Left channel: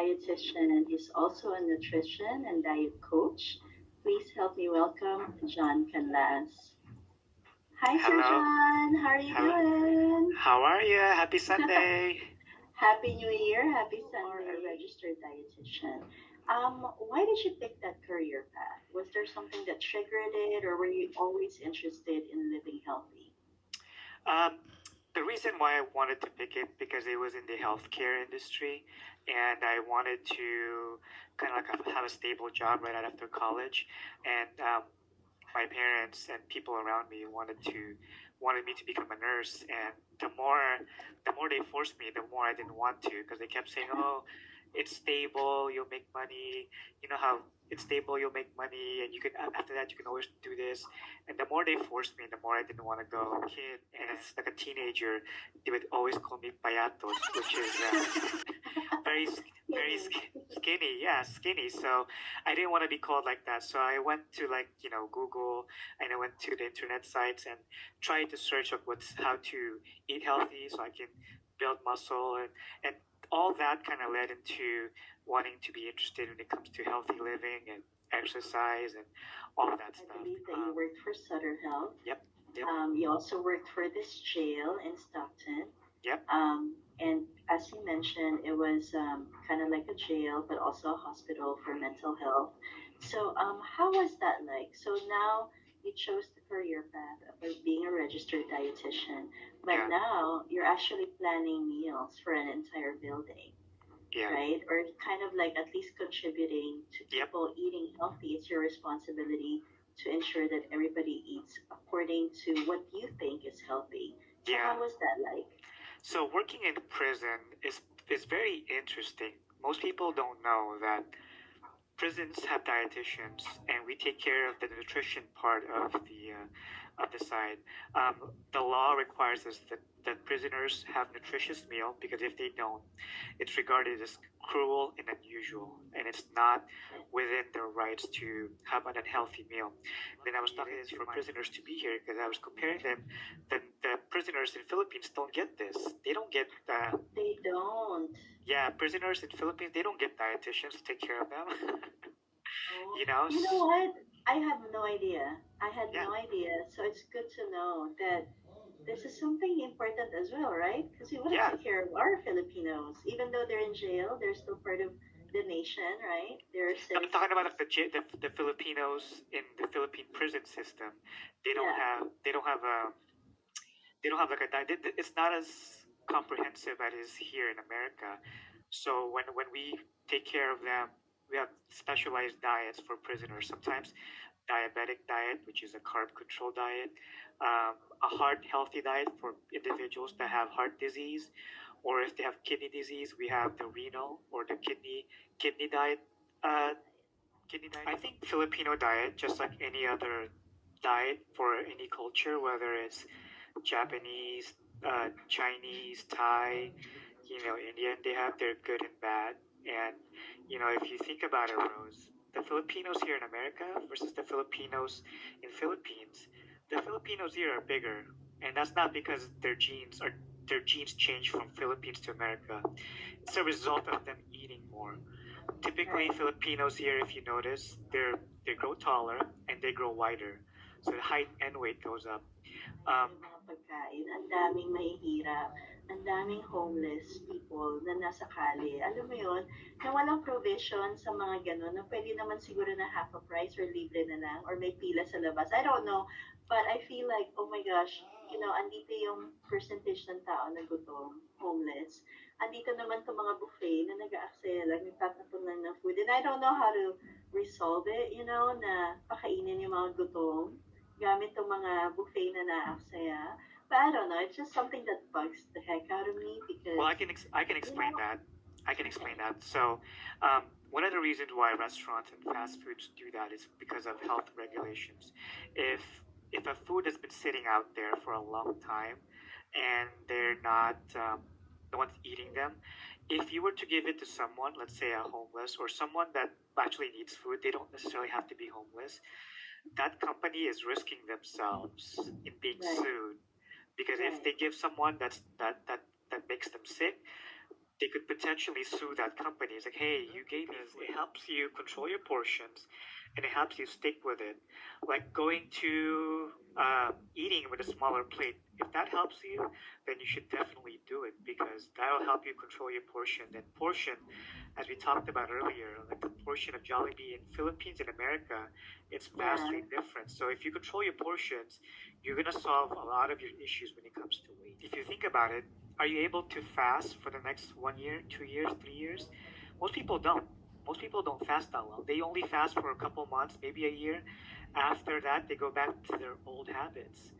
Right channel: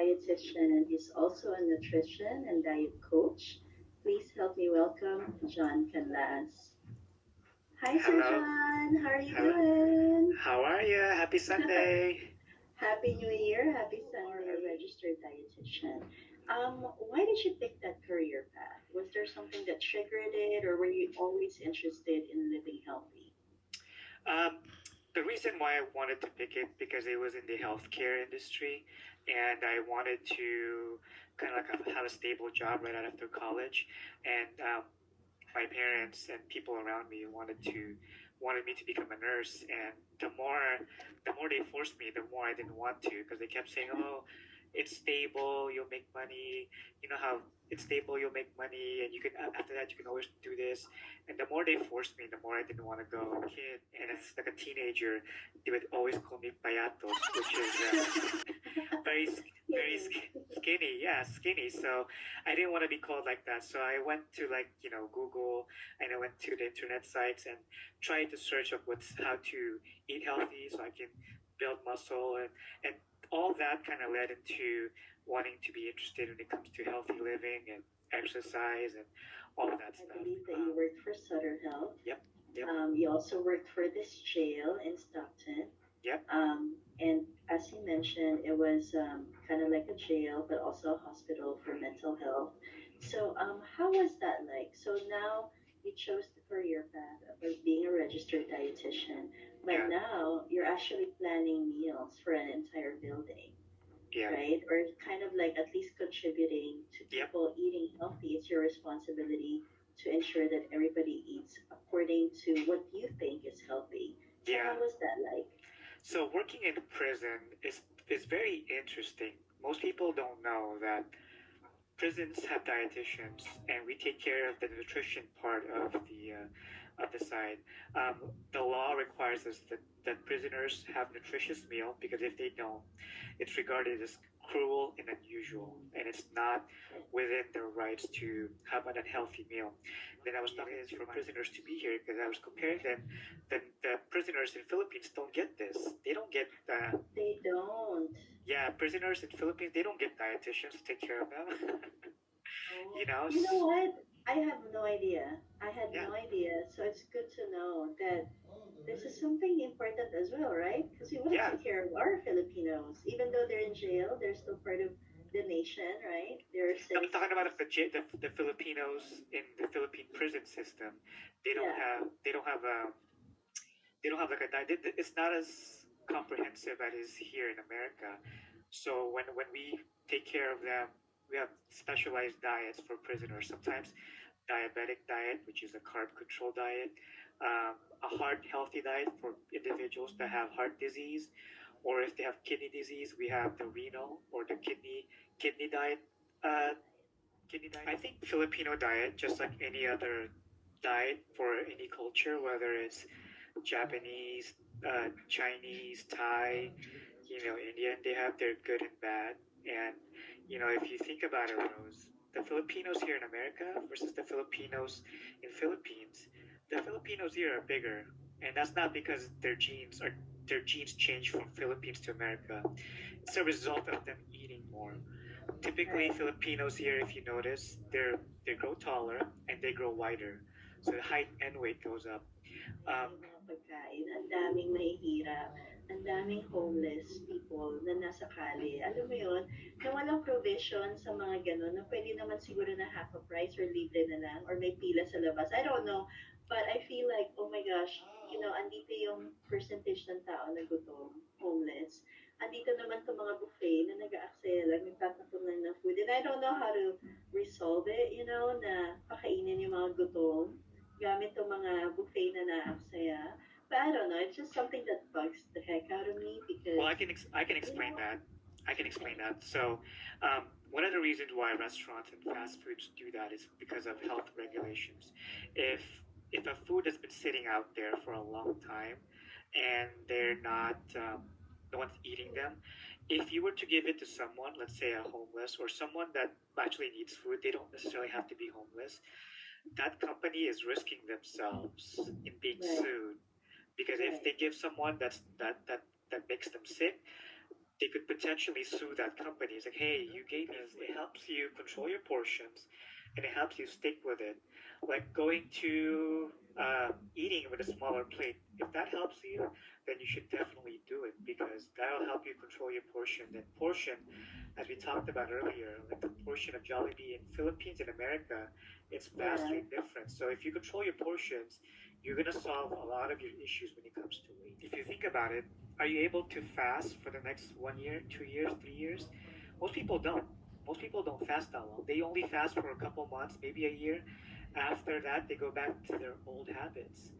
dietitian. He's also a nutrition and diet coach. Please help me welcome John Canlas. Hi, Sir Hello. John. How are you Hello. doing? How are you? Happy Sunday. Happy New Year. Happy Sunday. A registered dietitian. Why did you pick that career path? Was there something that triggered it, or were you always interested in living healthy? Um, the reason why I wanted to pick it because it was in the healthcare industry, and I wanted to kind of like have a stable job right after college, and my parents and people around me wanted me to become a nurse, and the more they forced me, the more I didn't want to because they kept saying, "Oh, it's stable, you'll make money. You know how it's stable, you'll make money, and you can after that you can always do this." And the more they forced me, the more I didn't want to go. Kid, and as like a teenager, they would always call me payatos, which is very skinny. Yeah, skinny. So I didn't want to be called like that. So I went to like Google, and I went to the internet sites and tried to search up what's how to eat healthy so I can build muscle, and all that kind of led into wanting to be interested when it comes to healthy living and exercise and all of that I stuff. believe that you worked for Sutter Health. Yep, yep, You also worked for this jail in Stockton. yep. And as you mentioned, it was kind of like a jail, but also a hospital for mental health. So, how was that like? So now you chose the career path of being a registered dietitian, but Yeah, now you're actually planning meals for an entire building, yeah, right? Or kind of like at least contributing to yep, people eating healthy. It's your responsibility to ensure that everybody eats according to what you think is healthy. So, yeah. how was that like? So working in prison is very interesting. Most people don't know that prisons have dietitians, and we take care of the nutrition part of the side. The law requires us that prisoners have nutritious meal because if they don't, it's regarded as cruel and unusual, and it's not within their rights to have an unhealthy meal. Then I was talking for prisoners to be here because I was comparing them. The prisoners in Philippines don't get this. They don't get They don't. yeah, prisoners in Philippines they don't get dietitians to take care of them. Oh, you know, you know what? I have no idea. I had yeah, no idea. So it's good to know that this is something important as well, right? Because we want to yeah. take care of our Filipinos. Even though they're in jail, they're still part of the nation, right? They're I'm talking about citizens. the Filipinos in the Philippine prison system. Yeah. They don't have a they don't have like a diet. It's not as comprehensive as it is here in America. So when we take care of them, we have specialized diets for prisoners. Sometimes diabetic diet, which is a carb control diet, a heart healthy diet for individuals that have heart disease, or if they have kidney disease, we have the renal or the kidney diet. Uh, Kidney diet. I think Filipino diet, just like any other diet for any culture, whether it's Japanese, Chinese, Thai, Indian, they have their good and bad. And if you think about it, Rose, the Filipinos here in America versus the Filipinos in Philippines, the Filipinos here are bigger, and that's not because their genes changed from Philippines to America. It's a result of them eating more. Typically, Right. Filipinos here, if you notice, they grow taller and they grow wider, so the height and weight goes up. Um, Dahil yung mga pagkain, ang daming mahihirap, ang daming homeless people na nasa kali. Alam mo yun, na walang provision sa mga ganun, na pwede naman siguro na half a price or libre na lang, or may pila sa labas. I don't know. But I feel like, oh my gosh, andito yung percentage ng tao na gutom, homeless. Andito naman itong mga buffet na nag-aaksaya lang, nagtatapon lang ng food. And I don't know how to resolve it, na pakainin yung mga gutom gamit tong mga buffet na naaksaya. But I don't know, it's just something that bugs the heck out of me well, because, I can explain that. I can explain okay, that. So, one of the reasons why restaurants and fast foods do that is because of health regulations. If if a food has been sitting out there for a long time and they're not no one's eating them, if you were to give it to someone, let's say a homeless or someone that actually needs food, they don't necessarily have to be homeless. That company is risking themselves in being right, sued because if right, they give someone that makes them sick, they could potentially sue that company. It's like, hey, you gave me, it helps you control your portions and it helps you stick with it. Like going to eating with a smaller plate. If that helps you, then you should definitely do it because that'll help you control your portion. And portion, as we talked about earlier, like the portion of Jollibee in Philippines and America, it's vastly Yeah. different. So if you control your portions, you're gonna solve a lot of your issues when it comes to weight. If you think about it, are you able to fast for the next 1 year, 2 years, 3 years? Most people don't. Most people don't fast that long. They only fast for a couple months, maybe a year. After that, they go back to their old habits.